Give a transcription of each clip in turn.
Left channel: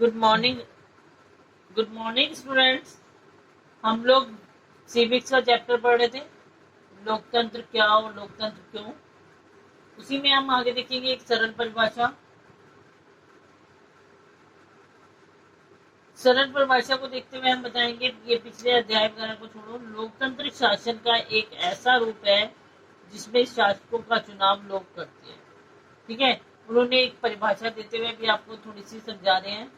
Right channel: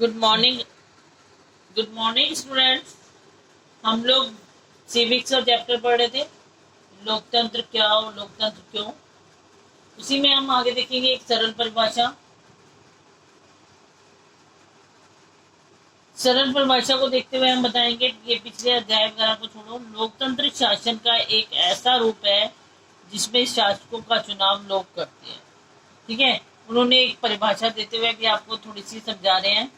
Good morning. Good morning students. हम लोग civics का चैप्टर पढ़ रहे थे, लोकतंत्र क्या और लोकतंत्र क्यों। उसी में हम आगे देखेंगे एक सरल परिभाषा। सरल परिभाषा को देखते हुए हम बताएंगे कि ये पिछले अध्याय वगैरह को छोड़ो। लोकतंत्र शासन का एक ऐसा रूप है जिसमें शासकों का चुनाव लोग करते हैं। ठीक है, उन्होंने एक परिभाषा देते हुए भी आपको थोड़ी सी समझा रहे हैं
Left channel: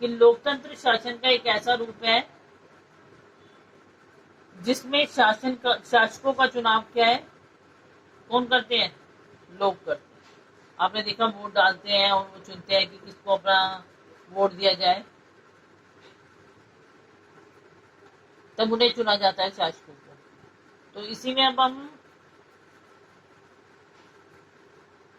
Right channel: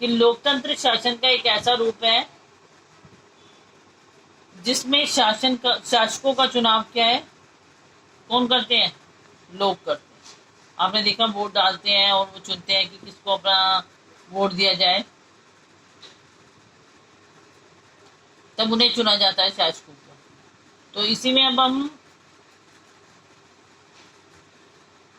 कि लोकतंत्र शासन का एक ऐसा रूप है जिसमें शासकों का चुनाव क्या है, कौन करते हैं? लोग करते हैं। आपने देखा, वोट डालते हैं और वो चुनते हैं कि किसको अपना वोट दिया जाए, तब उन्हें चुना जाता है शासकों को। तो इसी में अब हम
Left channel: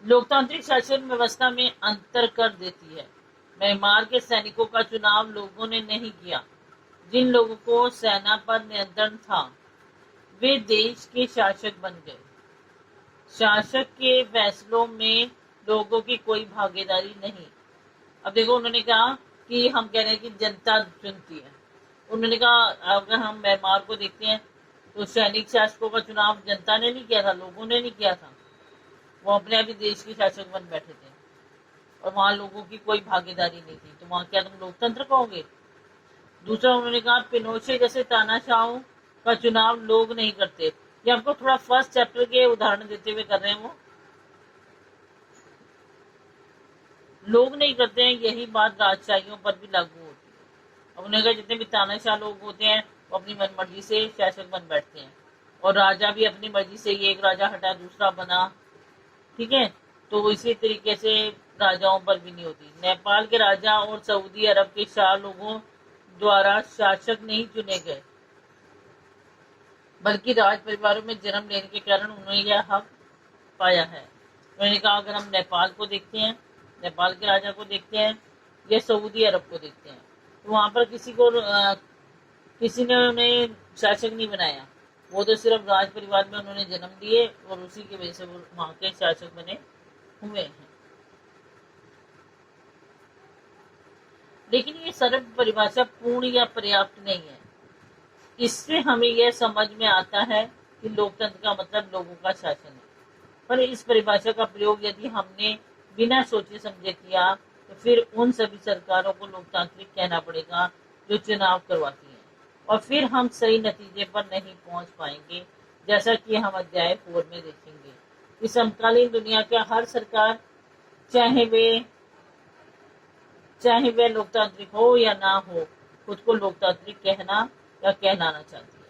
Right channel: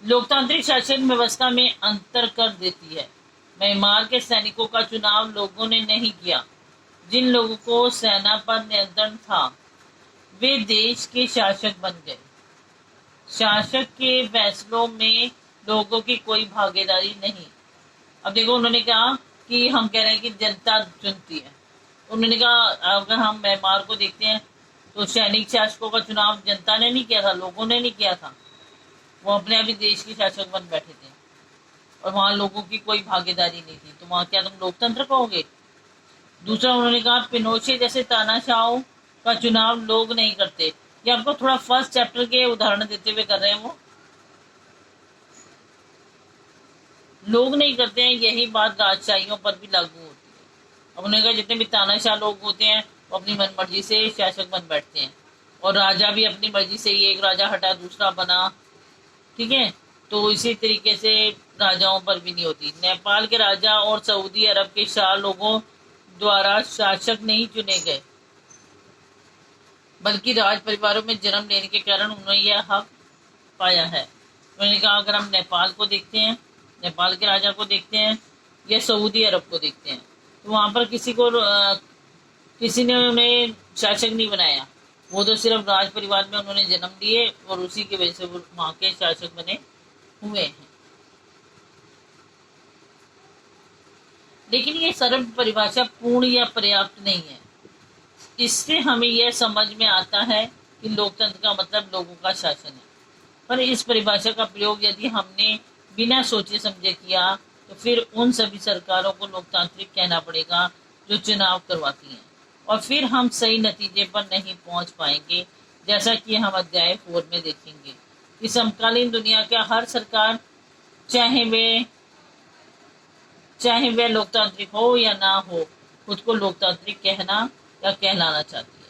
लोकतांत्रिक शासन व्यवस्था में अंतर कर देती है। म्यांमार के सैनिकों का चुनाव लोगों ने नहीं किया। जिन लोगों को सेना पर नियंत्रण था वे देश के शासक बन गए। शासक के फैसलों में लोगों की कोई भागीदारी नहीं। अब देखो, उन्होंने कहा कि हम कह रहे हैं कि जनता चुनती है। उन्होंने कहा अगर हम म्यांमार को देखते हैं तो सैनिक शासकों का चुनाव जनता ने नहीं किया था, लोगों ने नहीं किया था। वो अपने अभी देश के शासक बन बैठे थे और वहां लोगों की कोई भागीदारी नहीं थी। तो वहां क्या तुम लोकतंत्र कहोगे? दूसरा, उन्होंने कहा पिनोशे जैसे तानाशाहों का चुनाव लोग नहीं करते। ये आपको थोड़ा फर्स्ट चैप्टर के उदाहरण देते हुए कर रहे हैं। वो लोग नहीं करते हैं, यही बात राजशाहियों पर भी लागू होती है। अब उन्होंने कहा जितने भी तानाशाह लोग होते हैं वो अपनी मनमर्जी से शासक बन बैठते हैं और राजा भी अपनी मर्जी से ही, एक राजा हटा दूसरा बना। ठीक है, तो इसी तरीके से राजाओं पर भी नहीं होती। नेपाल के राजा और सऊदी अरब के शाह लोगों द्वारा शासक नहीं चुने गए, बल्कि राज परिवारों में जन्म लेने के कारण उन्होंने यह हक पाया है। उन्होंने कहा अगर हम नेपाल को देखते हैं, नेपाल के राजा को देखते हैं या सऊदी अरब को देखते हैं, तो वहां पर किसी ने उन्हें शासक नहीं बनाया। वो तो सिर्फ राज परिवार में उन्होंने जन्म लिए और उसी की वजह से वो वहां के शासक बने हुए हैं। लेकिन ये सरल परिभाषा पूर्ण या पर्याप्त नहीं है। इससे हमें यह समझ में आता है कि लोकतंत्र का मतलब लोगों का शासन है। पर इस परिभाषा का प्रयोग यदि हमने बिना सोचे समझे किया तो फिर उन सभी सरकारों को लोकतांत्रिक कहना पड़ेगा जो चुनाव करवाती हैं, और फिर हम सही नतीजे पर नहीं पहुंच पाएंगे, जैसा कि हम अध्याय 4 में देखेंगे कि समकालीन दुनिया का हर सरकार, चाहे वे चाहे वह लोकतांत्रिक हो या ना हो, खुद को लोकतांत्रिक कहना या कहलाना चाहती है।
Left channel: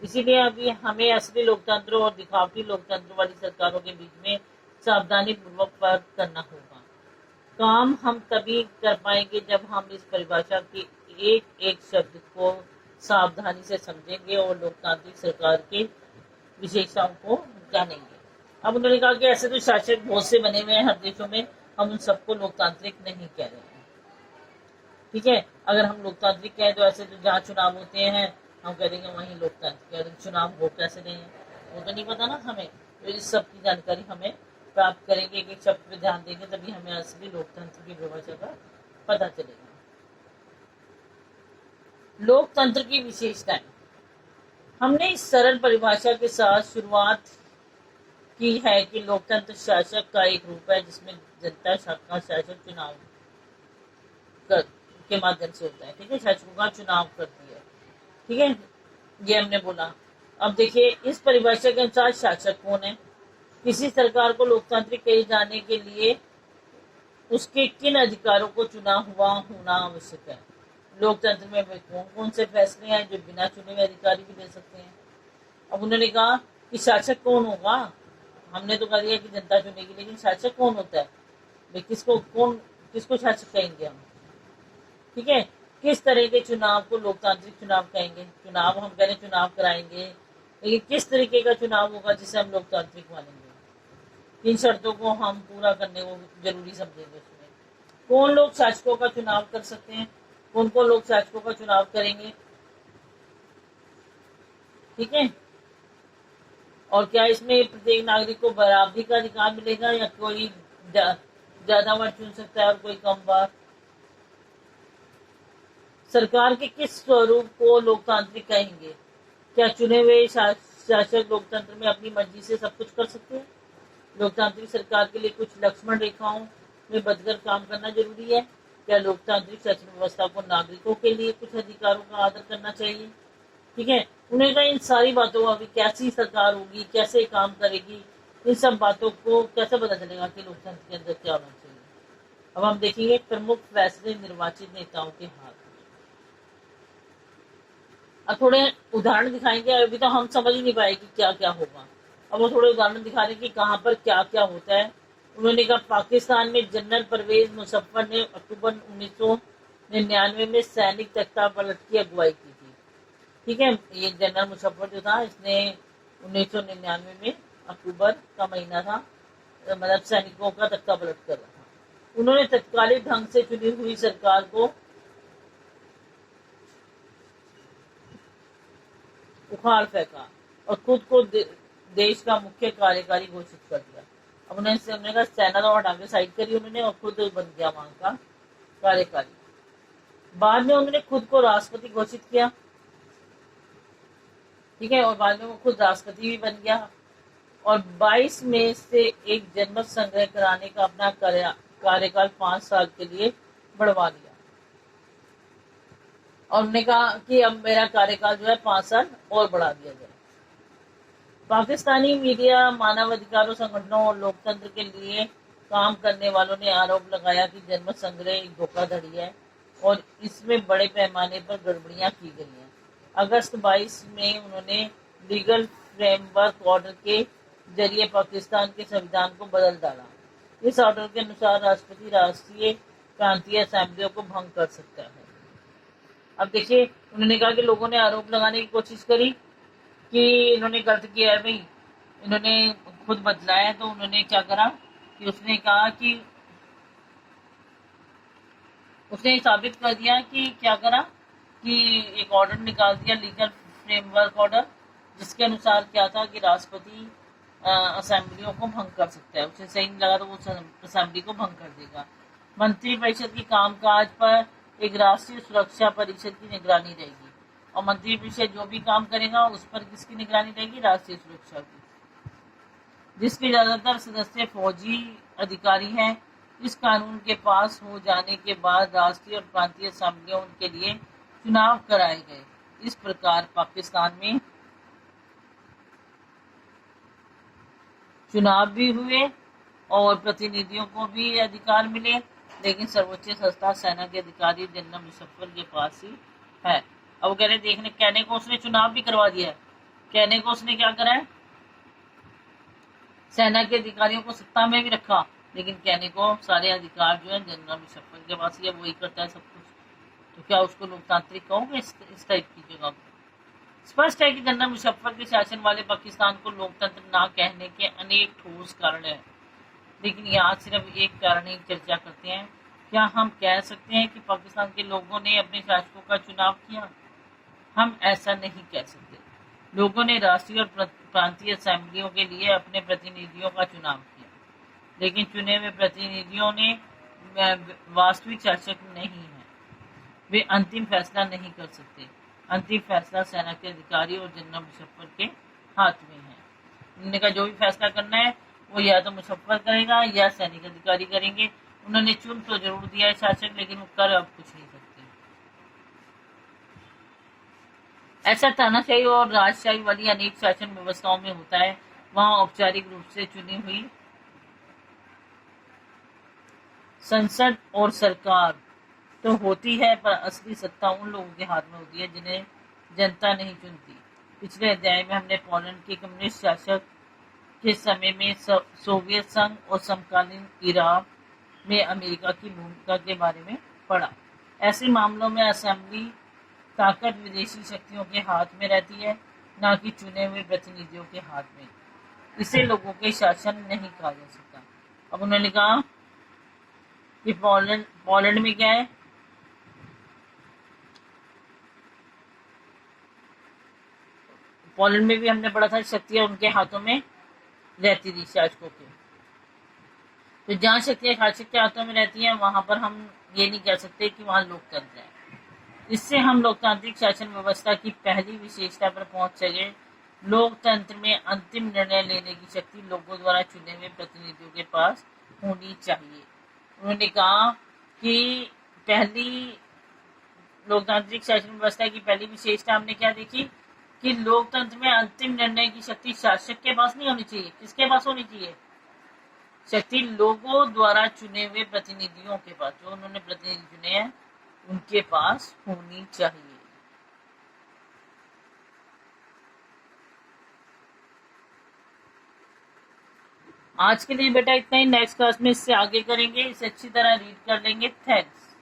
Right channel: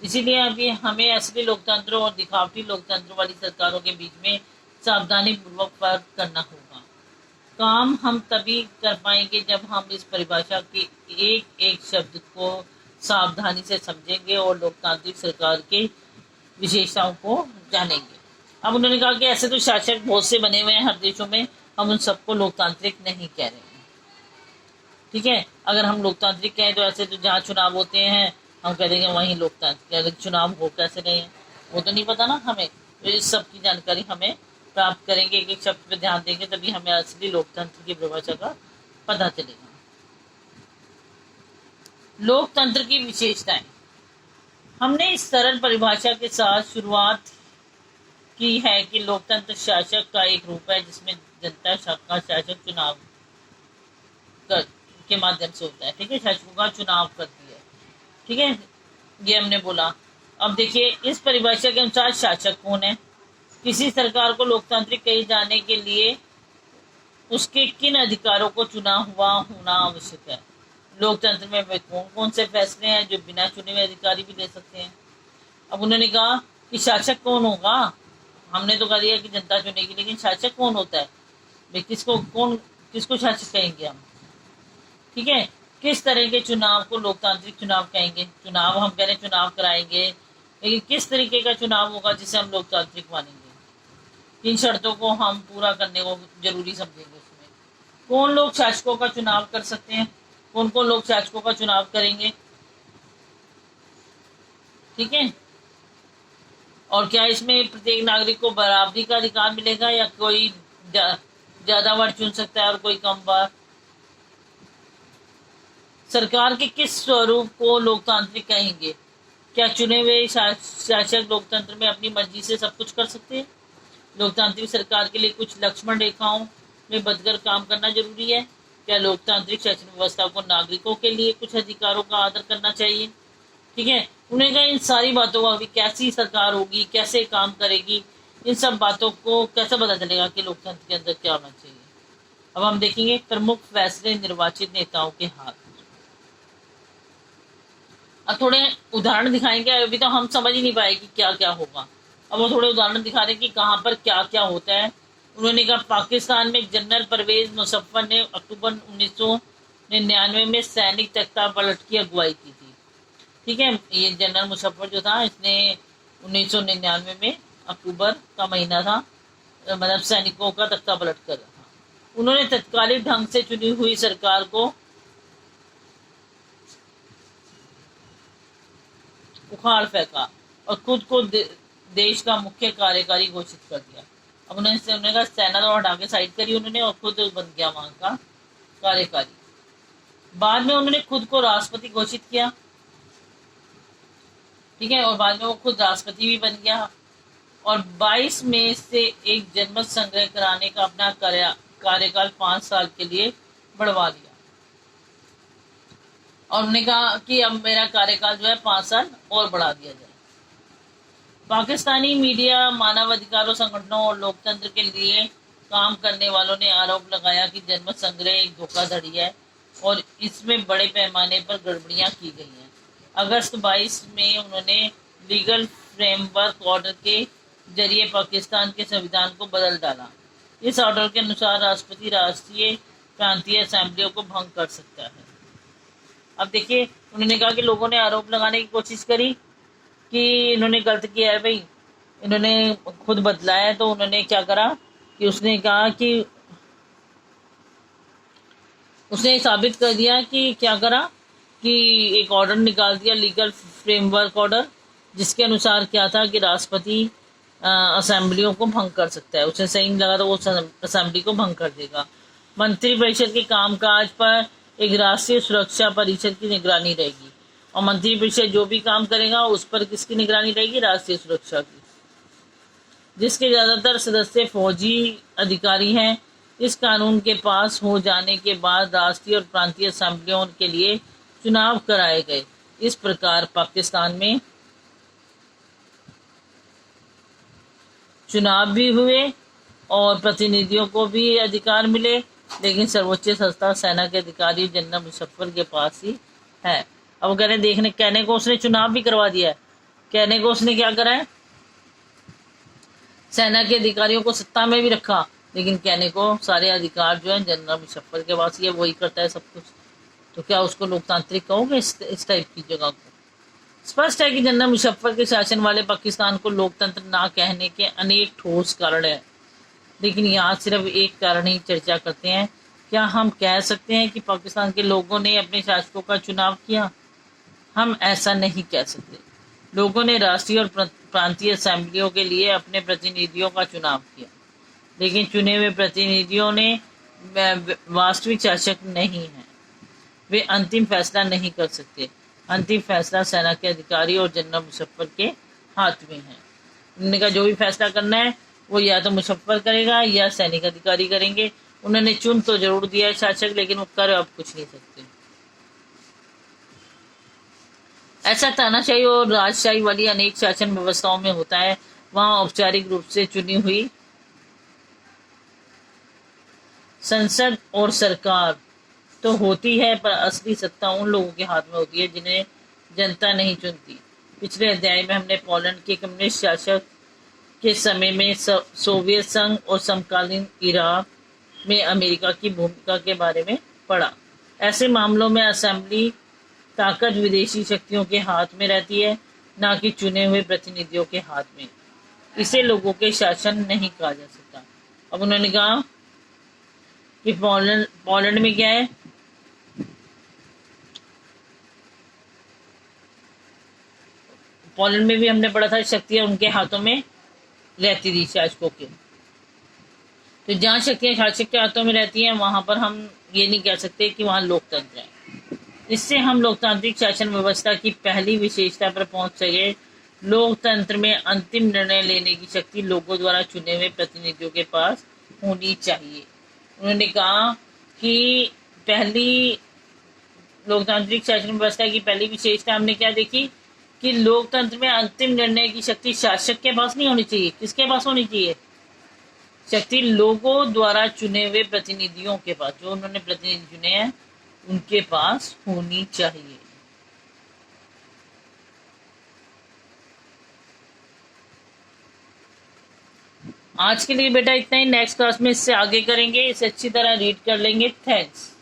इसीलिए अभी हमें असली लोकतंत्र और दिखावटी लोकतंत्र वाली सरकारों के बीच में सावधानी पूर्वक फर्क करना होगा। काम हम तभी कर पाएंगे जब हम इस परिभाषा के एक एक शब्द को सावधानी से समझेंगे और लोकतांत्रिक सरकार के विशेषताओं को जानेंगे। अब उन्होंने कहा कि ऐसे तो शासक बहुत से बने हुए हैं हर देशों में, हम उन सबको लोकतांत्रिक नहीं कह रहे हैं। ठीक है, अगर हम लोकतांत्रिक कहें तो ऐसे तो जहाँ चुनाव होते हैं हम कह देंगे वहीं लोकतांत्रिक, अगर चुनाव हो कैसे रहे हैं वो तो नहीं पता ना हमें। तो इस सब की जानकारी हमें प्राप्त करेंगे, एक एक शब्द पे ध्यान देंगे, तभी हमें असली लोकतंत्र की परिभाषा का पता चलेगा। लोकतंत्र की विशेषताएं। हमने इस सरल परिभाषा के साथ शुरुआत की है कि लोकतंत्र शासक का एक रूप है जिसमें जनता का शासक चुनाव कर के माध्यम से होता है। ठीक है, शासकों का चुनाव करती है। ठीक है, ये हमने बोला। अब देखिए, इस परिभाषा के अनुसार शासक कौन है? किसी सरकार को लोकतांत्रिक कहे जाने के लिए उसके किन अधिकारों को चुना हुआ होना आवश्यक है? लोकतंत्र में वे कौन कौन से फैसले हैं जो बिना चुने हुए अधिकारी भी ले सकते हैं? अब उन्होंने कहा कि शासक कौन होगा। हमने तो कह दिया कि जनता चुनेगी, लेकिन शासक कौन होता है? भाई किसको शासक कहेंगे हम? ठीक है, किस तरह के चुनाव को लोकतांत्रिक चुनाव कहेंगे? चुनाव हम कह रहे हैं चुनाव कराएंगे, लेकिन किस तरीके का चुनाव होगा जिसे हम लोकतांत्रिक मानेंगे? किन शर्तों को हम पूरा करने को जरूरी समझेंगे? उसमें कौन लोग शासकों का चुनाव कर सकते हैं, कौन कौन लोग शासकों का चुनाव करेंगे? ठीक है, और क्या इसमें प्रत्येक नागरिक को बराबरी का अधिकार मिलेगा या कोई ज्यादा बार चुन सकता है और कोई कम बार? सरकार के किस स्वरूप को लोकतांत्रिक कहेंगे? क्या चुने हुए शासक लोकतंत्र में अपनी मर्जी से सब कुछ कर सकते हैं? लोकतांत्रिक सरकार के लिए कुछ लक्ष्मण रेखाओं में बदकर काम करना जरूरी है? क्या लोकतांत्रिक शासन व्यवस्था को नागरिकों के लिए कुछ अधिकारों का आदर करना चाहिए? ठीक है, उन्हें कहा इन सारी बातों का अभी कैसी सरकार होगी, कैसे काम करेगी, इन सब बातों को कैसे पता चलेगा कि लोकतंत्र के अंदर क्या होना चाहिए? अब हम देखेंगे प्रमुख फैसले निर्वाचित नेताओं के हाथ। अब थोड़े उदाहरण दिखाएंगे, अभी तो हम समझ ही नहीं पाए कि क्या क्या होगा। अब वो थोड़े उदाहरण दिखा रहे हैं कि कहाँ पर क्या क्या होता है। उन्होंने कहा पाकिस्तान में जनरल परवेज मुशर्रफ ने अक्टूबर 1999 में सैनिक तख्ता पलट की अगुवाई की थी। ठीक है, ये जनरल मुशर्रफ जो था, इसने 1999 में अक्टूबर का महीना था, मतलब सैनिकों का तख्ता पलट कर रहा था। उन्होंने तत्कालिक ढंग से चुनी हुई सरकार को उखाड़ फेंका और खुद को देश का मुख्य कार्यकारी घोषित कर दिया। अब उन्होंने कहा सेना तो हटा के साइड करी उन्होंने और खुद बन गया वहां का कार्यकारी। बाद में उन्होंने खुद को राष्ट्रपति घोषित किया। ठीक है, और बाद में वो खुद राष्ट्रपति भी बन गया और 22 मई से एक जनमत संग्रह कराने का अपना कार्यकाल 5 साल के लिए बढ़वा लिया। और उन्होंने कहा कि अब मेरा कार्यकाल जो है 5 साल और बढ़ा दिया जाए। पाकिस्तानी मीडिया, मानवाधिकारों संगठनों और लोकतंत्र के लिए काम करने वालों ने आरोप लगाया कि जनमत संग्रह एक धोखाधड़ी है और इसमें बड़े पैमाने पर गड़बड़ियां की गई हैं। अगस्त 22 में उन्होंने लीगल फ्रेमवर्क ऑर्डर के जरिए पाकिस्तान के संविधान को बदल डाला। इस ऑर्डर के अनुसार राष्ट्रपति राष्ट्रीय प्रांतीय असेंबलियों को भंग कर सकता है। अब देखिए, उन्होंने कहा कि लोगों ने आरोप लगाने की कोशिश करी कि इन्होंने गलत किया है भाई, इन्होंने खुद बदला है। तो उन्होंने क्या करा कि उसने कहा कि उसने साबित कर दिया कि क्या करा कि एक ऑर्डर निकाल दिया, लीगल फ्रेमवर्क ऑर्डर, जिसके अनुसार क्या था कि राष्ट्रपति असेंबलियों को भंग कर सकता है। उसे सही लगा तो वो असेंबली को भंग कर देगा। मंत्रिपरिषद के कामकाज पर एक राष्ट्रीय सुरक्षा परिषद की निगरानी रहेगी और मंत्रिपरिषद जो भी काम करेगा उस पर किसकी निगरानी रहेगी? राष्ट्रीय सुरक्षा की, जिसके ज्यादातर सदस्य फौजी अधिकारी हैं। इस कानून के पास हो जाने के बाद राष्ट्रीय और प्रांतीय असेंबलियों के लिए चुनाव कराए गए। इस प्रकार पाकिस्तान में चुनाव भी हुए और प्रतिनिधियों को भी अधिकार मिले, लेकिन सर्वोच्च संस्था सेना के अधिकारी जनरल मुशर्रफ के पास ही है। अब वो कह रहे देखने कहने को उसने चुनाव भी करवा दिया है, कहने को उसने क्या करा है, सेना के अधिकारियों को सत्ता में भी रखा, लेकिन कहने को सारे अधिकार जो है जनरल मुशर्रफ के पास ही है, वही करता है सब कुछ। तो क्या उसको लोकतांत्रिक कहोगे इस टाइप की जगह को? स्पष्ट है कि जनरल मुशर्रफ के शासन वाले पाकिस्तान को लोकतंत्र ना कहने के अनेक ठोस कारण है, लेकिन यहाँ सिर्फ एक कारण ही चर्चा करते हैं। क्या हम कह सकते हैं कि पाकिस्तान के लोगों ने अपने शासकों का चुनाव किया? हम ऐसा नहीं कह सकते। लोगों ने राष्ट्रीय और प्रांतीय असेंबलियों के लिए अपने प्रतिनिधियों का चुनाव किया, लेकिन चुने हुए प्रतिनिधियों ने वास्तविक शासक नहीं है। वे अंतिम फैसला नहीं कर सकते। अंतिम फैसला सेना के अधिकारी और जनरल मुशर्रफ के हाथ में है। उन्होंने कहा जो भी फैसला करना है वो या तो मुशर्रफ करेगा या सैनिक अधिकारी करेंगे। उन्होंने चुन तो जरूर दिया है शासक, लेकिन वो कर अब कुछ नहीं सकते। ऐसा तानाशाही और राजशाही वाली अनेक शासन व्यवस्थाओं में होता है। वहां औपचारिक रूप से चुनी हुई संसद और सरकार तो होती है, पर असली सत्ता उन लोगों के हाथ में होती है जिन्हें जनता नहीं चुनती। पिछले अध्याय में हमने पोलैंड के कम्युनिस्ट शासक के समय में सोवियत संघ और समकालीन इराक में अमेरिका की भूमिका के बारे में पढ़ा। ऐसे मामलों में असेंबली ताकत विदेशी शक्तियों के हाथ में रहती है, ना कि चुने हुए प्रतिनिधियों के हाथ में। इसे लोगों के शासन नहीं कहा जा सकता। अब उन्होंने कहा कि पोलैंड में क्या है, पोलैंड में भी हमने पढ़ा था शक्तियां उनके हाथों में रहती थी शासकों के। तो जहाँ शक्तियां शासक के हाथों में रहती हैं वहां पर हम ये नहीं कह सकते कि वहां लोकतंत्र है। इससे हम लोकतांत्रिक शासन व्यवस्था की पहली विशेषता पर पहुंच सके। लोकतंत्र में अंतिम निर्णय लेने की शक्ति लोगों द्वारा चुने हुए प्रतिनिधियों के पास होनी चाहिए। उन्होंने कहा कि पहली लोकतांत्रिक शासन व्यवस्था की पहली विशेषता हमने क्या देखी कि लोकतंत्र में अंतिम निर्णय की शक्ति शासक के पास नहीं होनी चाहिए। किसके पास होनी चाहिए? शक्ति लोगों द्वारा चुने हुए प्रतिनिधियों के पास, जो उन्होंने प्रतिनिधि चुने हैं उनके पास होनी चाहिए। आज के लिए बेटा इतना ही। नेक्स्ट क्लास में इससे आगे करेंगे, इसे अच्छी तरह रीड कर लेंगे। थैंक्स।